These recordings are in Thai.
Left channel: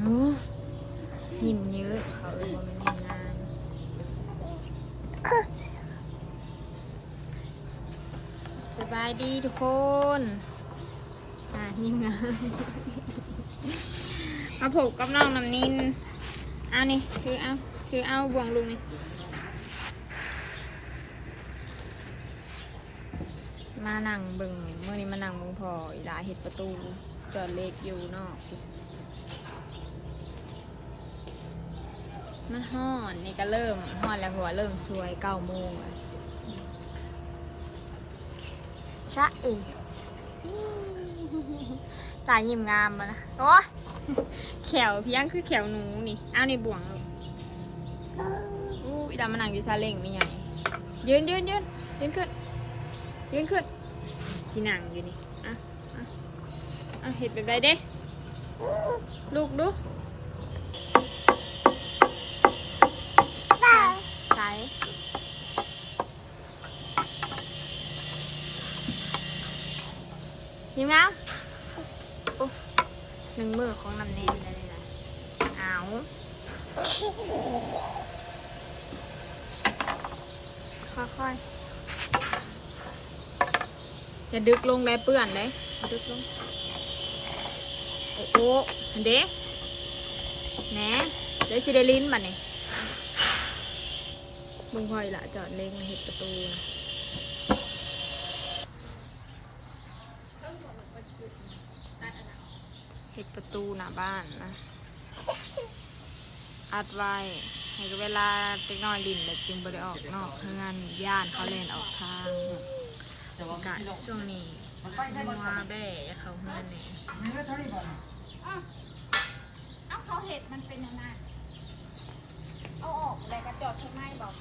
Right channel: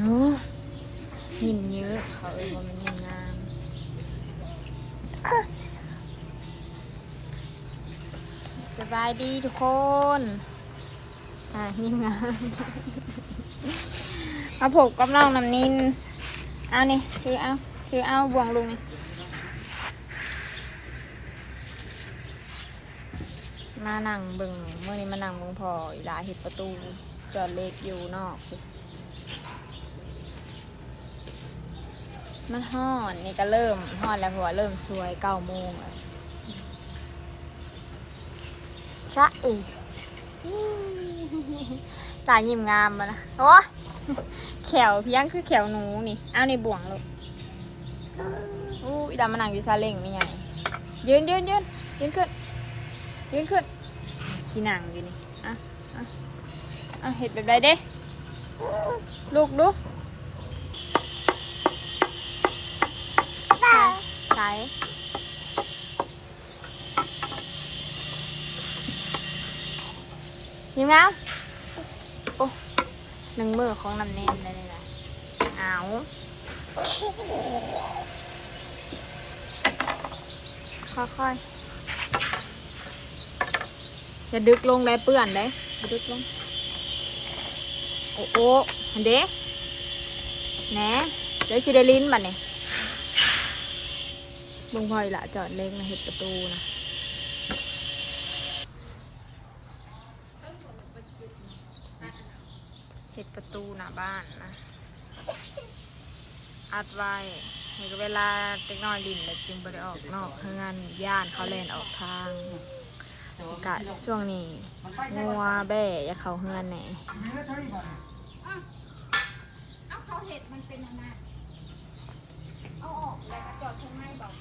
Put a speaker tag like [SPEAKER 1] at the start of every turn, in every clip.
[SPEAKER 1] โอ้ยิ้มเยอะเขาเอ่ยว่ามันยิ้มงามสบายดีทุกคน อะยิ้มงามมาผูกกับน้องน้ำนินเอานี่คือเอาคือเอาบ่วงลุงนี่มานั่งเบิ่งเมื่อนี้มานั่งเบิ่งพออีหลาเห็ดประตู จอดเล็กอยู่นอก มันห่อนนี่ก็เริ่มห่อนแล้วเพราะว่าเริ่มสวยเก้าโมงเลยชะเอตายิ้มงามมานะโอ้แขวเพียงคือแขวหนูนี่ เอาในบ่วงลูกอู้อีดามานั่งอยู่ซาเล้งไม่ใหญ่ยืนยืนยืนยืนขึ้นยืนขึ้นขี้หนังอยู่นี่ อะ อะ อะเห็ดแบบไรเด้ ลูกดูใส่ ใส่ยิงแล้วโอ้หนึ่งมือของน้ำเนมได้เลยนะเอาค่อยๆจะดึกลงได้เปื้อนได้ดึกลง โอ้โหนเด้นะเดี๋ยวคือได้ลิ้นมันนี่ บุงพอยละจอดเล็งนะเห็ดประตูนะเห็ดประตูหน้าบ้านนะ อัดไว้ให้เวลาเด็กน้อยลินแล้วจึงไปได้ออกนอกเฮือนย่านเขาเล่นออกทางกะช่วงนี้งัวแบ่อย่าเขาเฮือนแหน
[SPEAKER 2] เอาเขาเห็ดมันเป็นยังไง อาออกแล้วก็จอดใช่ไหมบอก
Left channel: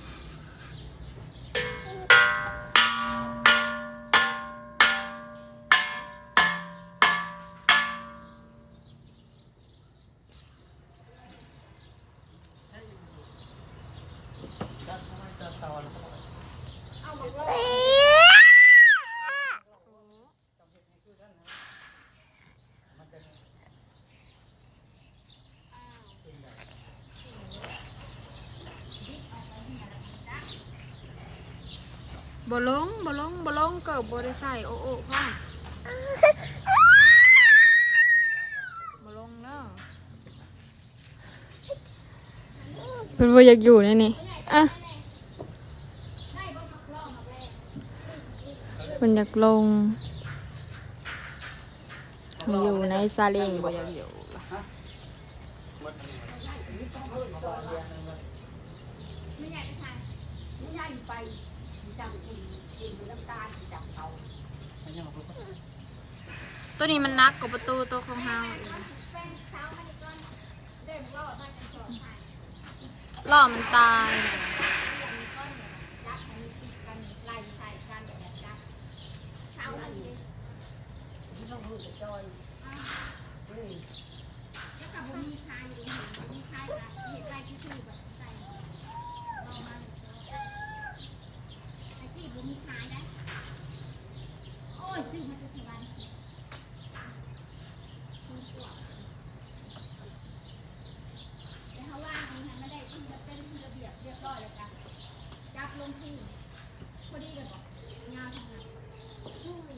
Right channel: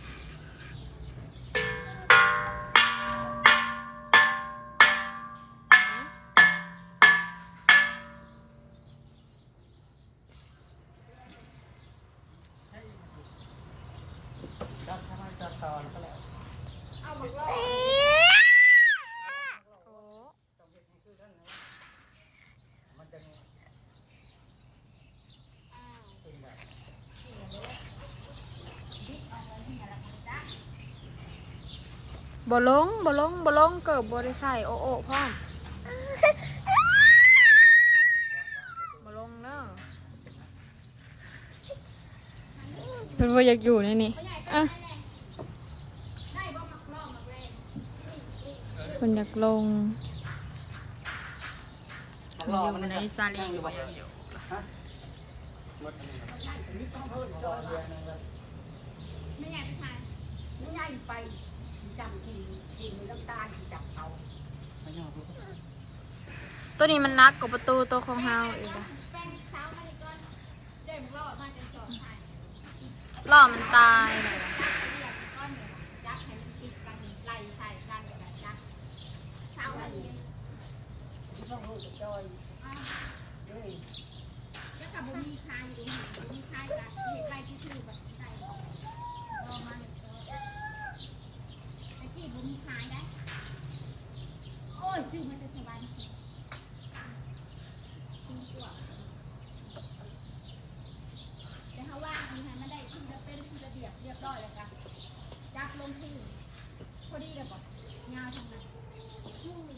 [SPEAKER 1] บ่ลงบ่ลงบ่ลงเกิดบ่ได้ใส่โอโอพ่อบ่ลงเด้อมันบ่อยากอยู่ในนี่อะมันอยากลงมาอยู่ในซาเล้งบ่อยากอยู่
[SPEAKER 2] ไม่อยากไป มีสั่งกินกินน้ำตาลมีสั่งเอา
[SPEAKER 1] ตัวนี้มันนักกับประตูตัวของเฮาอีกอะล่อมันตายเลยอะ
[SPEAKER 2] ไก่ไข่กันแบบนั้นเช้านั้นแล้วกับบุมีคายอยู่บุมีคายกับเห็ดใบที่ชื่อแบบใส่รอมาหนึ่งตัวไอ้ที่บุมีคายได้ โอ้ยซื้อมาจะสบายแต่เขาว่ามันไม่ได้ขึ้นแล้วเป็นขึ้นระเบียบเรียบร้อยแล้วกันจับลงที่พอดีเลยบอกงาทำงาน
[SPEAKER 1] อืม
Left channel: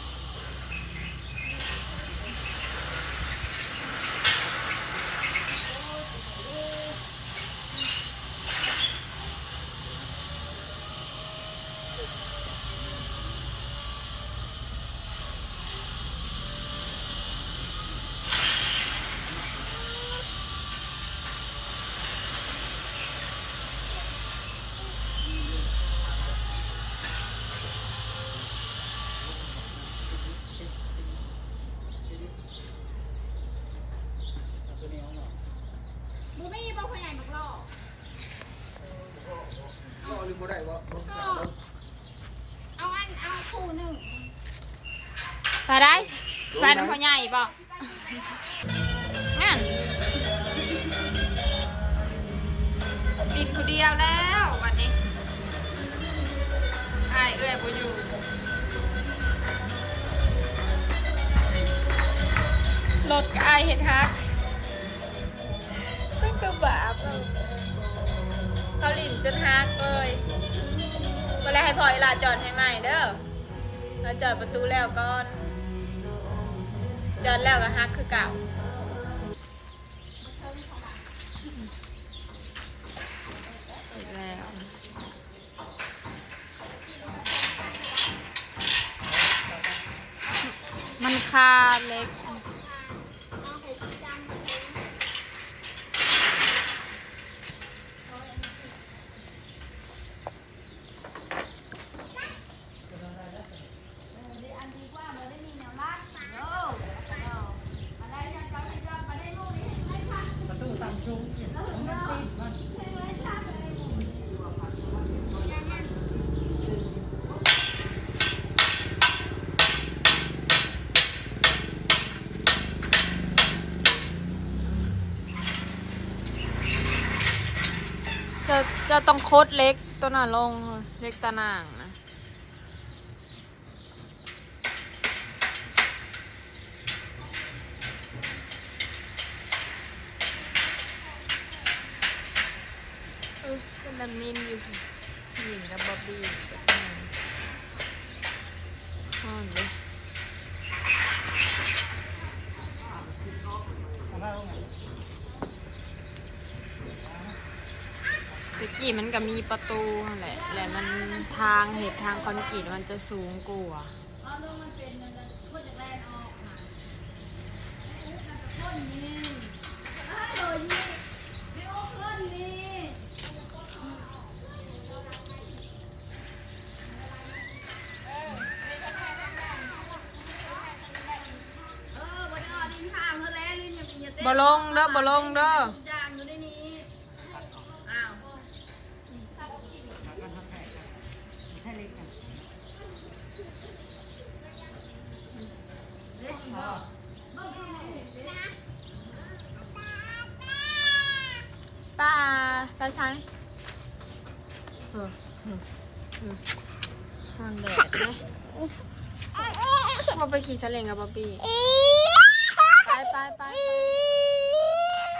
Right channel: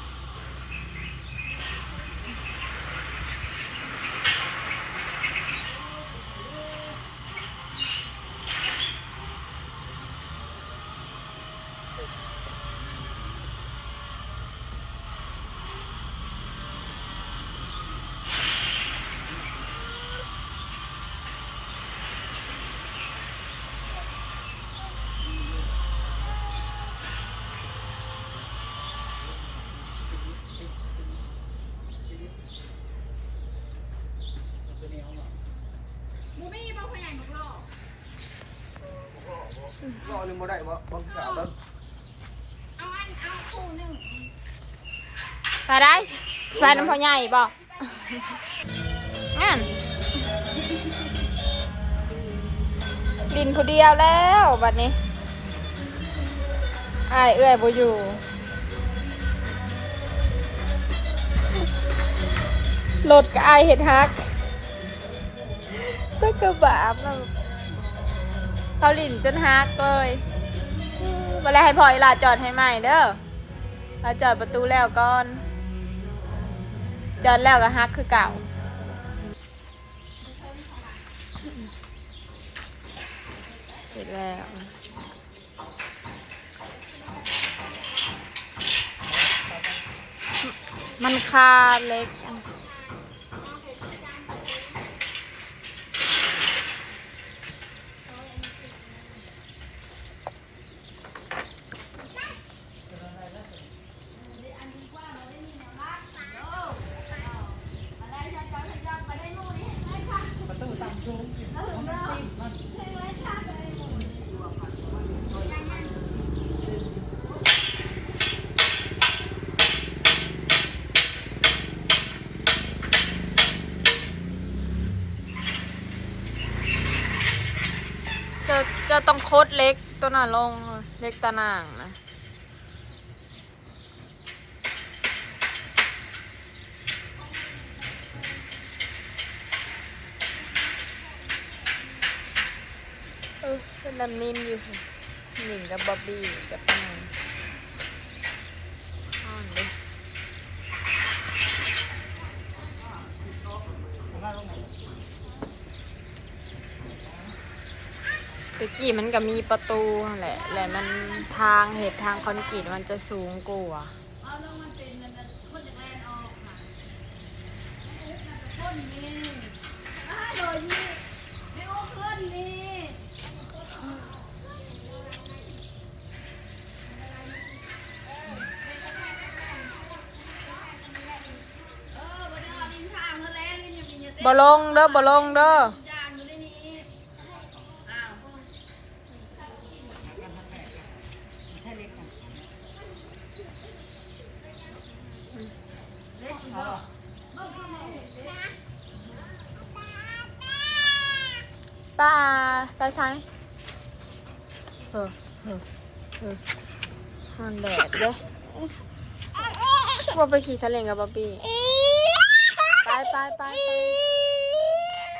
[SPEAKER 2] เห
[SPEAKER 3] รือบ่ได้บ่บ่กล่าวแล้ว
[SPEAKER 2] เอาอันเอาคู่หนึ่ง
[SPEAKER 1] ไปได้ไปน้ำพอใหญ่บอกงั้นดินผู้เดียวแล้วบัดนี้ไอเอื้อยบ่อยู่รถก็อเห็ดฮักก็กระบาบเขาหลินจนฮักเลยเวลาให้พออีหลาจอดให้ใหม่เด้อลาจอดประตูแล้วก่อน จอดแล้วก็ฮักคือเก่าเสร็จแล้วมันคาเล็กอัน จะต้องโคตรเล็กตัวน่ะลงเล็กตะนางนะ เออเป็นน้ำนิ่มอยู่สิหนิงกับบ๊อบบี้กับปนางอ่อนเลย กี้มันก็มีประตูนั่นแหละแหละมันทางเหตุทางคอนกรีตมันจะสูงกว่า
[SPEAKER 2] เอาลงมันเป็นนั่นน่ะคนจะแลนออกมาคนนี้อ้าวโดยนี่ไม่โอ้คนนี้เออวันนี้ดินทางเธอแล้วนี่ยังมีเยอะเต้
[SPEAKER 1] บ่ลงเด้อบ่ลงเด้อ
[SPEAKER 2] จางอยู่ในนี้อ้าว
[SPEAKER 1] ป้าป้าใช้เออเออเออมันแดดเด้ว่าไป ขี่ซาเล้งกับบ๊อบบี้ ไปไปไปไป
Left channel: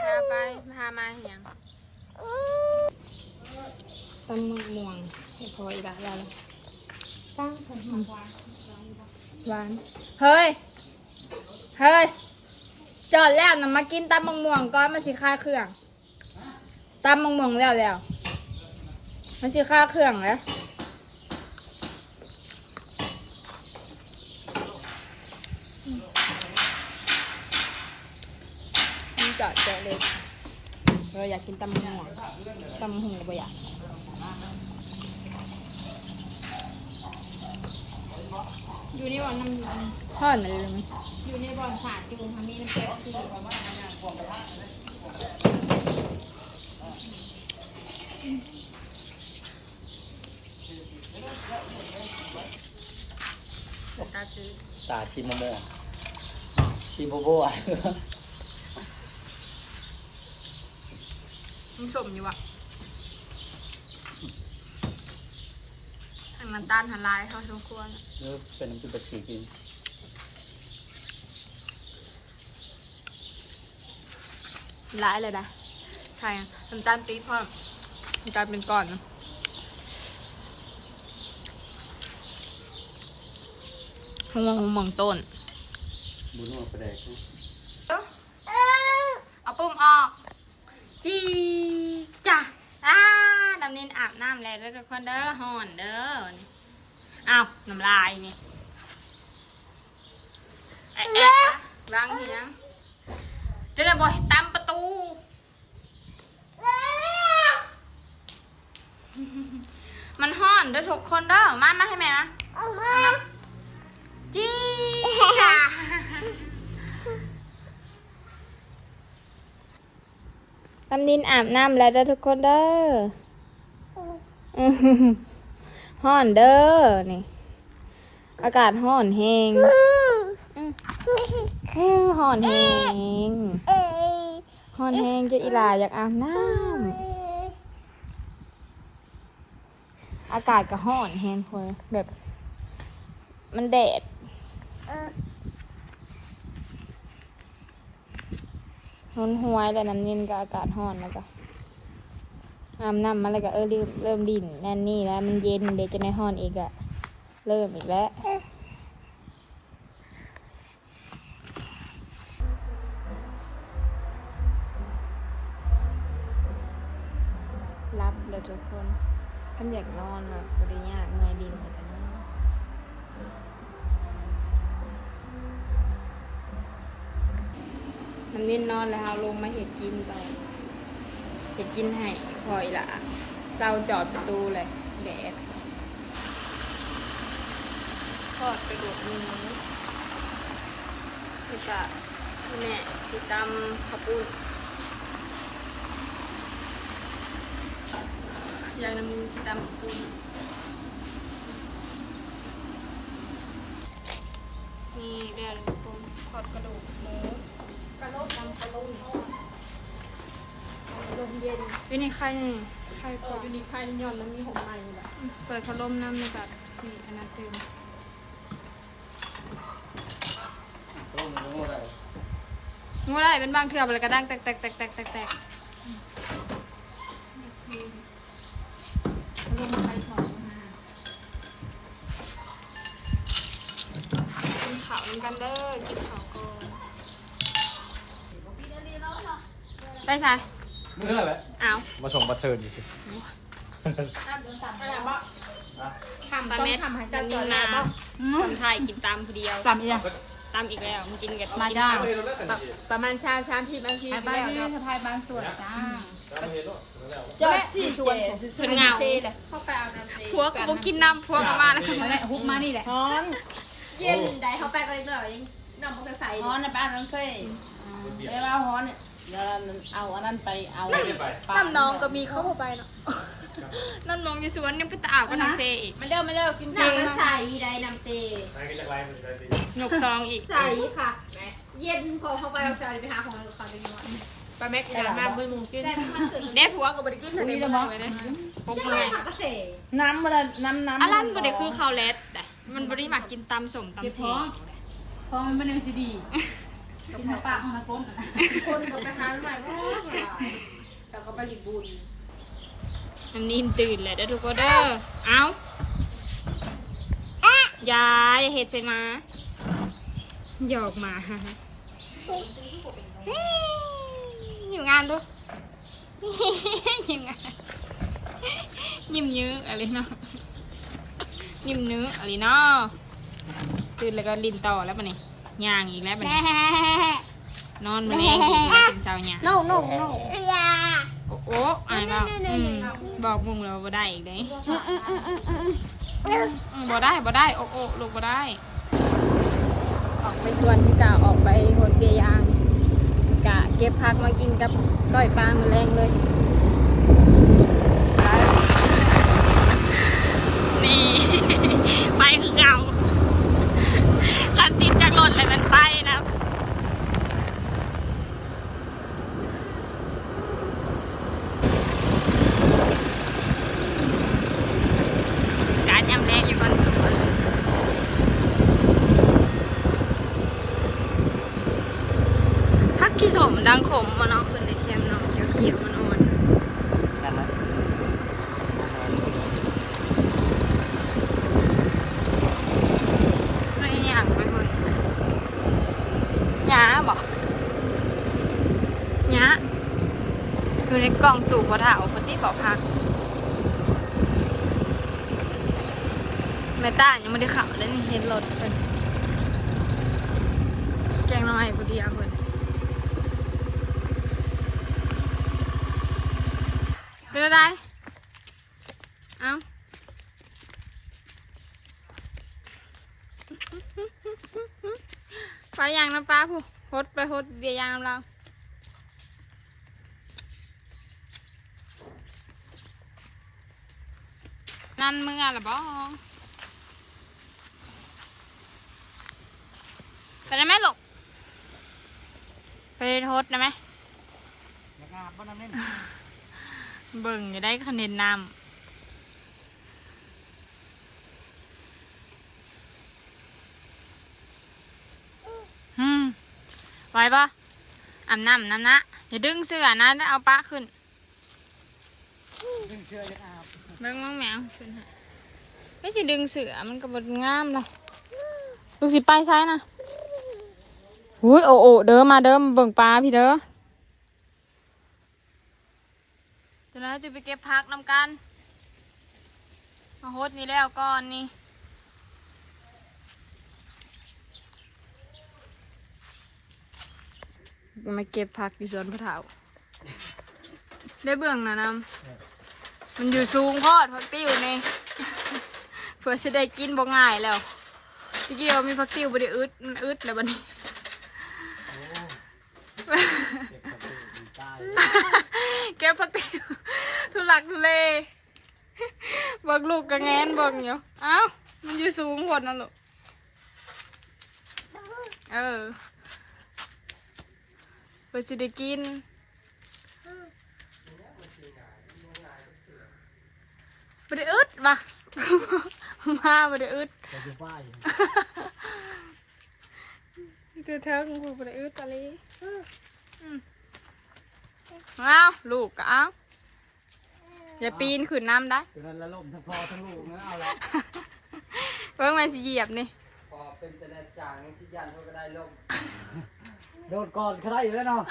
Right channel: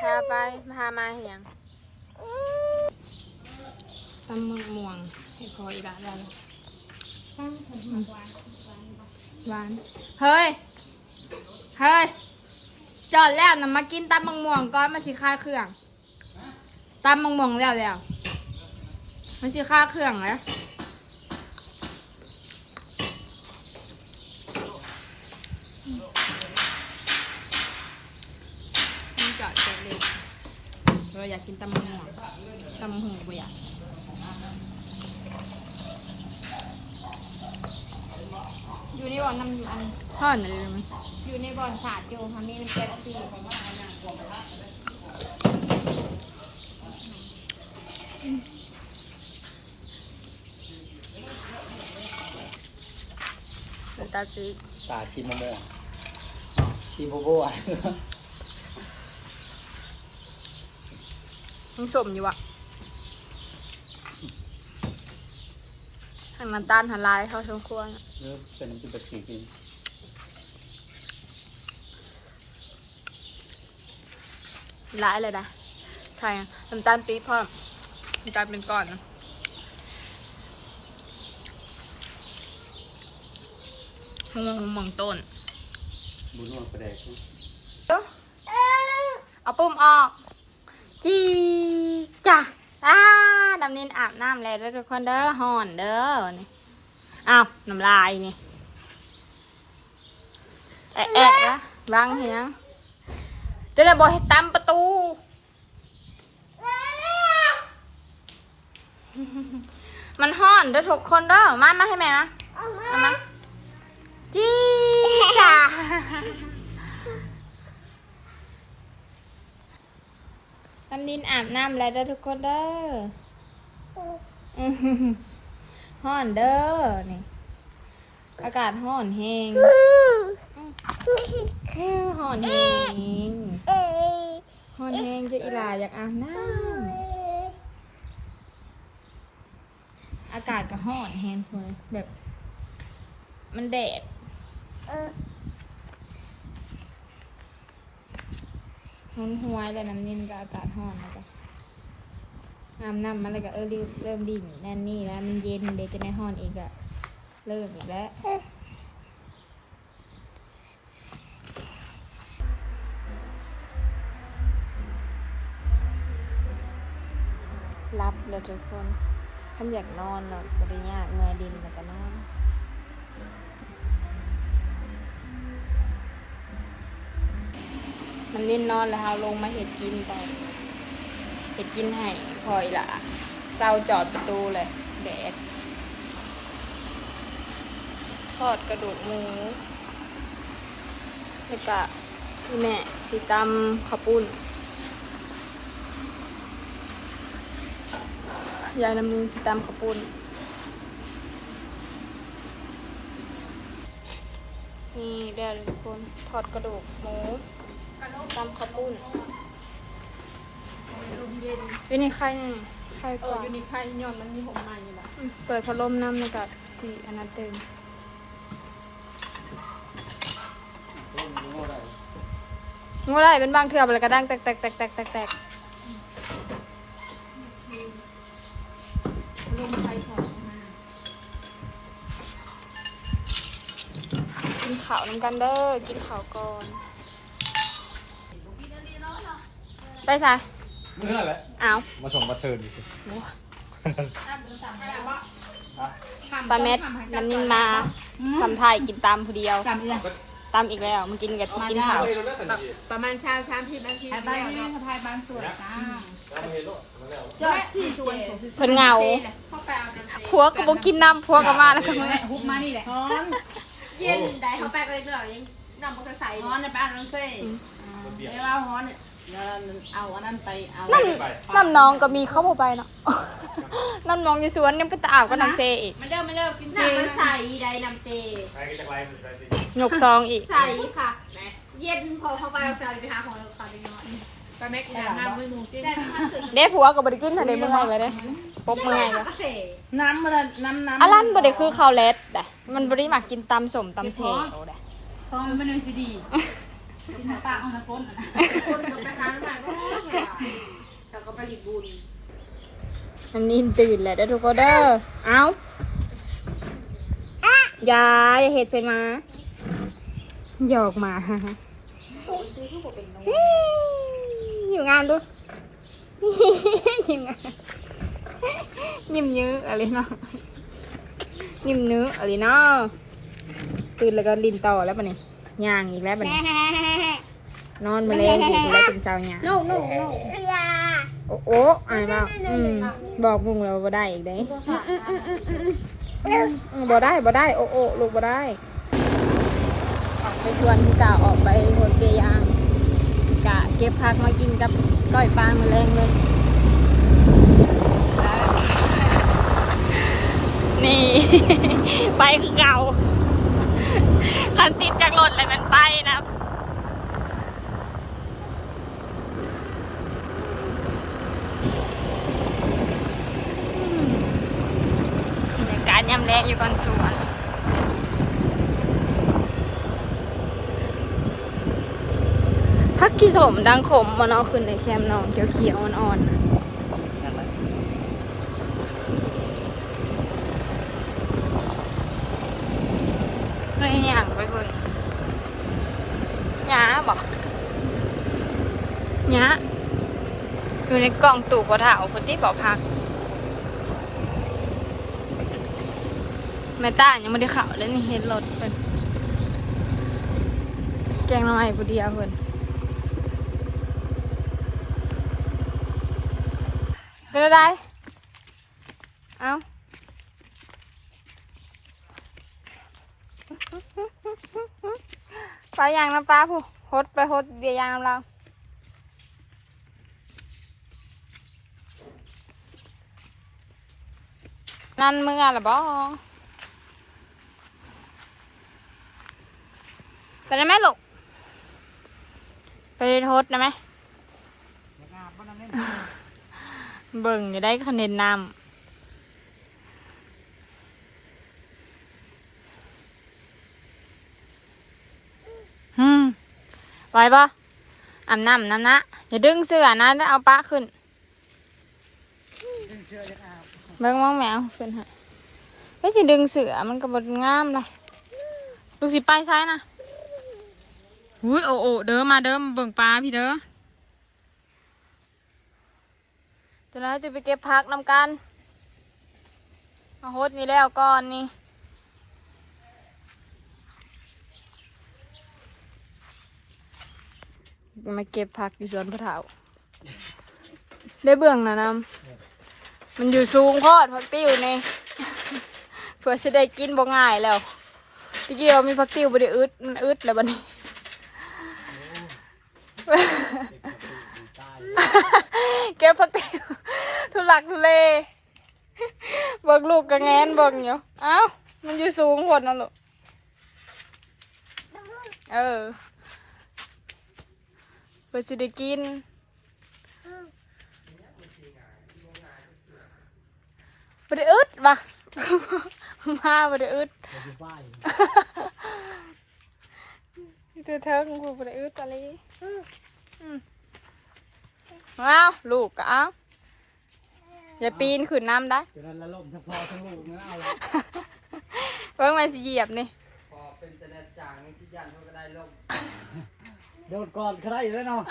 [SPEAKER 1] พาไปพามาเหียงจำมึงม่วงให้พออีกละเราหวาน เฮ้ย เฮ้ย จอดแล้วนะมากินตำมังม่วงก่อนมาสิค่าเครื่องตำมังม่วงแล้วแล้ว มันสิค่าเครื่องแล้วมันจอดแกะเล็ก เราอยากกินตำมังม่วงตำมังม่วงก็บ่อยากอยู่ในบ่อนน้ำอยู่อันพ่อนอะไรรู้ไหม
[SPEAKER 2] อยู่ในบ่อนสาดอยู่ค่ะมีน้ำเป๊ปซี่
[SPEAKER 1] เป็นตาซี
[SPEAKER 3] ตาชิมโมชิมโบโบอะ
[SPEAKER 1] ยังสมอยู่อะทางน้ำตาลหันลายเขาสมควรอะ
[SPEAKER 3] เออเป็นน้ำจิ้มเป็ดสีกิน
[SPEAKER 1] ลายเลยนะใช่อะน้ำตาลปี๊บพร้อมน้ำตาลเป็นก้อนนะหงหงหมองต้น
[SPEAKER 3] บุญนวดประแดกนะ
[SPEAKER 1] เอาปุ่มออก จีจ้ะอ้าดำเนินอา บน้ำแล้วเด้อทุกคนเด้อห่อนเด้อนี่อ้าวน้ำลายนี่แอะแอะนะบางเหียงจะได้บอกให้ตามประตู มันห่อนเด้อทุกคนเด้อมามาให้แม่นะเอามาจีจ้ะน้ำนินอาบน้ำแล้วเด้อทุกคนเด้ออื้อหือ ฮ้อนเด้อนี่ อากาศฮ้อนแฮงอื้อฮ้อนแฮงฮ้อนแฮงจะอีหลาอยากอาบน้ำอากาศก็ฮ้อนแฮงคนแบบมันแดดร้อนหวยแล้วน้ำเย็นก็อากาศร้อนแล้วก็ อาบน้ำมาแล้วก็เออเริ่มเริ่มดิ่นแน่นนี่แล้วมันเย็นเดี๋ยวจะไม่ร้อนอีกอะเริ่มอีกแล้วรับเลยทุกคนขันอยากนอนแล้วก็ได้ยากเมื่อยดินแล้วก็นอนมันนินนอนแล้วเราลงมาเห็ดกินต่อเห็ ดกินให้พออีละเศร้าจอดประตูเลยแดดทอดกระดูกหมูแล้วก็ที่แม่สีตำข้าวปุ้นยายน้ำนินสีตำข้าวปุ้นนี่เรียกเลยทุกคนทอดกระดูกหมูตำข้าวปุ้น เป็นนี่ใครนี่ใครกว่า
[SPEAKER 2] มีใครยอนมันมีผมใหม่แหละ
[SPEAKER 1] อืมเปิดพัดลมน้ำในกับสีอันนั้นเต็ม
[SPEAKER 3] ต้มรู้อะไร
[SPEAKER 1] งูอะไรเป็นบางเถื่ออะไรกระด้างแตกแตกแตกแตกแตกแตก
[SPEAKER 2] ลงใครสองมา
[SPEAKER 1] กินข้าวน้ำกันเด้อกินข้าวก่อน ไปซะ
[SPEAKER 4] เมื่อแหละ
[SPEAKER 1] อ้าว
[SPEAKER 4] มาส่งมาเชิญดิสิ
[SPEAKER 1] ปลาเม็ดมันนินมาสัมไทยกินตามผู้เดียว
[SPEAKER 2] กลับยัง
[SPEAKER 1] ตามอีกแล้วมันกินกับ
[SPEAKER 2] มา
[SPEAKER 1] กิน
[SPEAKER 2] ได้
[SPEAKER 1] ข้าว
[SPEAKER 2] ประมาณเช้าเช้าที่บางที
[SPEAKER 5] ไปบ้านนี่สะพายบางส่วนจ้า
[SPEAKER 2] เจ้าสี่ชวน
[SPEAKER 1] เพิ่นเหงา
[SPEAKER 2] เข้าไปเอาน้ำเซ
[SPEAKER 1] ผัวก็บอกกินน้ำผัวก็มาแล้วก็มา
[SPEAKER 5] แม่ฮุบมานี่แหละ
[SPEAKER 2] ฮ้อนเย็นได้เข้าไปก็เล็กน้อยยังนำมอเตอร์ไซค์
[SPEAKER 5] ฮอนนะไปเอาน้ำเซ่ไปว่าฮอนเนี่ย เดี๋ยวเอาอันนั้นไปเอา
[SPEAKER 1] น้ำน้องก็มีเข้าไปเนาะน้ำน้องอยู่สวนยังไปตาอาบก็น้ำเซอีก
[SPEAKER 2] มันเดิมมันเดิมกินน้ำมันใส่ได้น้ำเซ
[SPEAKER 1] หยกซองอีก
[SPEAKER 2] ใส่ค่ะเย็นพอเข้าไปเราจะไปหาของเราเขาเล็กน้อยปลาแม็กซ์มาบุ้ยมูกินได้ทั้งสื่อ
[SPEAKER 1] เด้ผัวก็บริขึ้นทะเลบ่ไงไว้เด้ปบมือไง
[SPEAKER 2] ก็
[SPEAKER 1] ก็
[SPEAKER 2] เส
[SPEAKER 5] น้ำมันน้ำน้ำ
[SPEAKER 1] อันนั้นบ่ได้คือข้าวเล็ดแต่มันบ่ได้มักกินตำสมตำเซลเด้
[SPEAKER 5] เพราะมันเป็นซีดี กินปากของนักก้นนะ
[SPEAKER 2] คนก็ไปหาใหม่ก็เราก็ไปรีบุญ
[SPEAKER 1] น้ำนิ่มตื่นแหละเด้อทุกคนเด้อเอ้าอย่าอย่าเฮ็ดใส่มาหยอกหมาอยู่งานดูอยู่งานยิ้มเยอะอะไรเนาะยิ้มเนื้ออะไรเนาะตื่นแล้วก็ลินต่อแล้วปะนี่ย่างอีกแล้วปะนี่นอนมาแรงอีกแล้วถึงเช้าย่าง
[SPEAKER 2] นู่นู่นู่
[SPEAKER 1] โอ้โอ้อายบ้าอืมบอกมุงเราบ่ได้อีกได้อืมบ่ได้บ่ได้ โอ้โอ้ลูกบ่ได้ ไปชวนพี่กาออกไปหดเบียร์ยางกะเก็บผักมากินกับก้อยปลามาแรงเลยนี่ไปคือเก่า คันติดจากรถเลยมันไปนะการยำแรงอยู่บนสวนพักขี้สมดังขมมันเอาขึ้นนแซมเนาะเขียวเขียวๆอ่อนๆไม่อย่างไปคนหยาบอกหยาอยู่ใน กล่องตู่พอาเอาคนที่บอพักแม่ต้ายังไม่ได้ข่าวเลยนี่เห็นรถเป็นแกงน้อยผู้เดียวเพิ่นเป็นอะไรเอ้าไปยางน้ำปลาผู้ฮดไปฮดเบียยางน้ำเรา นั่นเมึงอะละบอไปได้ไหมลูกไปโทษได้ไหม
[SPEAKER 3] เบิ่
[SPEAKER 1] งจะได้คะแนนนำฮึไหวปะอาบน้ำน้ำนะอย่าดึงเสื้อนะเอาปะขึ้น
[SPEAKER 3] ดึงเชือกอยากอาบ
[SPEAKER 1] เบิ่งมองแมวขึ้นให้ไม่สิดึงเสือมันก็บดงามเลยลูกสิไปซ้ายนะอุ้ยโอโอเด้อมาเด้อมเบิ่งปลาพี่เด้อเดี๋ยวเราจะไปเก็บผักนำกันมาโฮดนี่แล้วก่อนนี่มาเก็บผักอยู่สวนพระเถาได้เบื้องนะน้ำ มันอยู่สูงโพอดผักติ้วนี่ เพื่อจะได้กินบ่ง่ายแล้วตะกี้ว่ามีผักติ้วบ่ได้อึดมันอึดแล้วบัดนี้
[SPEAKER 3] ย
[SPEAKER 1] เก็บผักติ้วทุลักทุเลเบิกลูกกระแงนเบิกอยู่เอ้ามันอยู่สูงโพดนั่นลูกเออเพื่อจะได้กินบ่ได้อึด ว่ะมาบ่ได้อึด
[SPEAKER 3] ไปอยู่บ้าน
[SPEAKER 1] ตัวเธอของกูบ่ได้อึดตะลีอืมอ้าวลูกก็เอาอย่าปีนขึ้นน้ำได้
[SPEAKER 3] จนนั้นละลมทั้งพ่อทั้งลูกนะเอาละ
[SPEAKER 1] เพิ่งมาสิเหยียบนี่
[SPEAKER 3] พอเป็นแต่ละจางที่ยันเขาก็ได้ลมโดดก่อนก็ได้อยู่แล้วเนาะ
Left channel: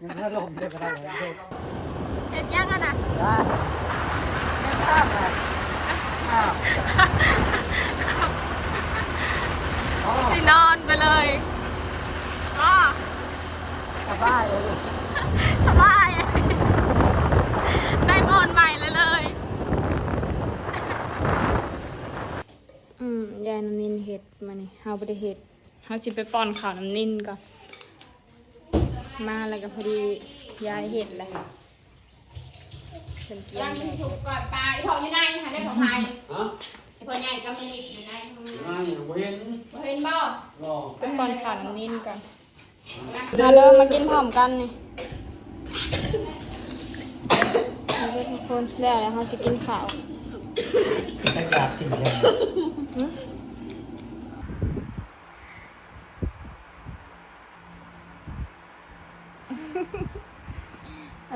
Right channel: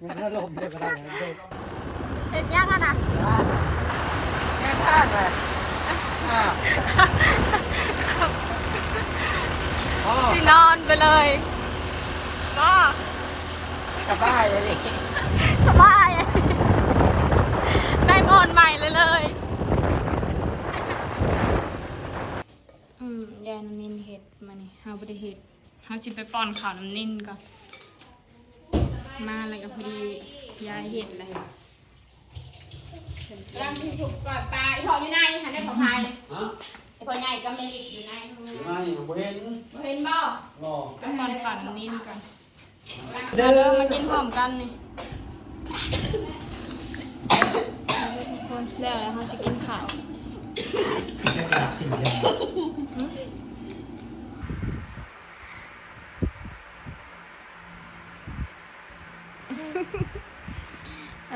[SPEAKER 3] มันก็ลมเลยก็ได้โดด
[SPEAKER 1] เห็นยังอะนะ
[SPEAKER 3] ได้ไม่พลาดเลยอ่าอ๋อ
[SPEAKER 1] สินอนไปเลยก็
[SPEAKER 3] สบายเลยดิ
[SPEAKER 1] สบายได้บอนใหม่เลยเลย อืมยายน้ำนินเห็ดมานี่เฮาบ่ได้เห็ดเฮาสิไปป้อนข้าวน้ำนินก่อนมาแล้วก็พอดียายเห็ดเลย เพิ่นเกี่ย
[SPEAKER 2] ตั้
[SPEAKER 1] ว
[SPEAKER 2] ง
[SPEAKER 1] เล
[SPEAKER 2] ที่
[SPEAKER 1] ย
[SPEAKER 2] สุกก่อนตายพออยู่ไหนค่ะได้ขอพาย
[SPEAKER 3] ฮะ
[SPEAKER 2] ไอ้พอใหญ่ก็ไม่อยู่ไหน
[SPEAKER 3] มาอย่างเว้น
[SPEAKER 2] บ่เห็นบ่
[SPEAKER 3] รอ
[SPEAKER 1] ไปป้อนข้าวน้ำนินก่อนมาเดินมากินพร้อมกันนี่เอาเลยทุกคนแล้วแล้วเฮาสิกินข้าว
[SPEAKER 3] ไม่กล้ากินเลย
[SPEAKER 1] น้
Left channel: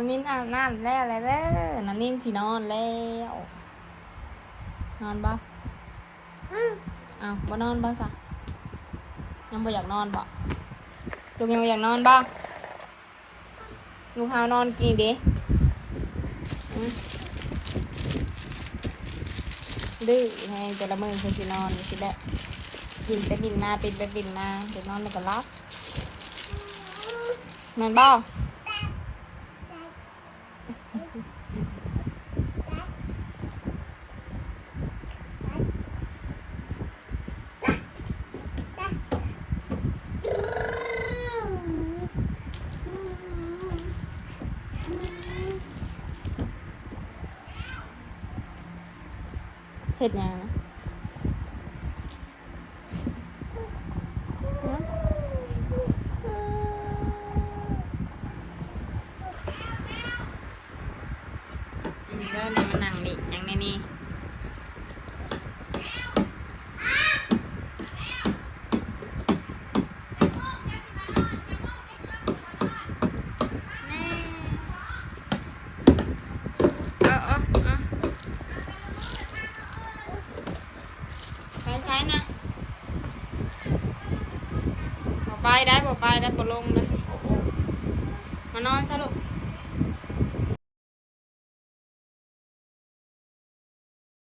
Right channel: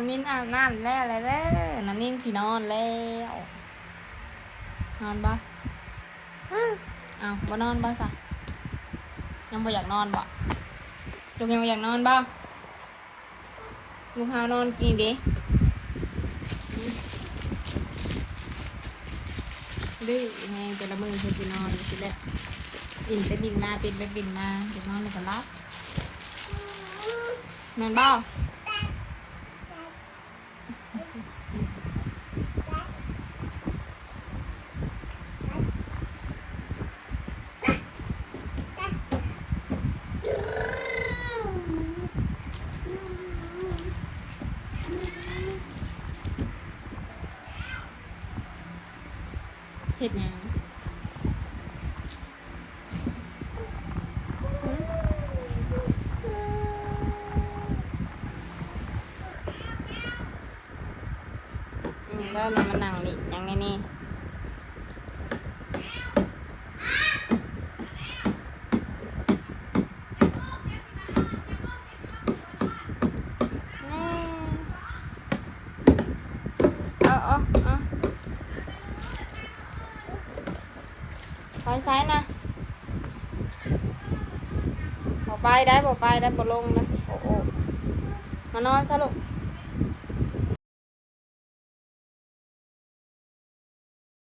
[SPEAKER 1] นินอาบน้ำแล้วอะไรเด้อน้ำนินสินอนแล้ว นอนบ่อ้าวบ่นอนบ่ซะยังบ่อยากนอนบ่ลูกยังบ่อยากนอนบ่ลูกเฮานอนกินเด้อืมดื้อไงแต่ละมื้อเพิ่นสินอนสิแหละบินไปบินมาปิดไปบินมาเดี๋ยวนอนแล้วก็รับนอนบ่ เห็ดหยังหืม แล้วเนี่ยมันนั่งดิอย่างในนี่แน่เออเออเออไปซ้ายนะบอกไปได้บอกไปได้บอลงนะโอ้โอมานอนซะลูก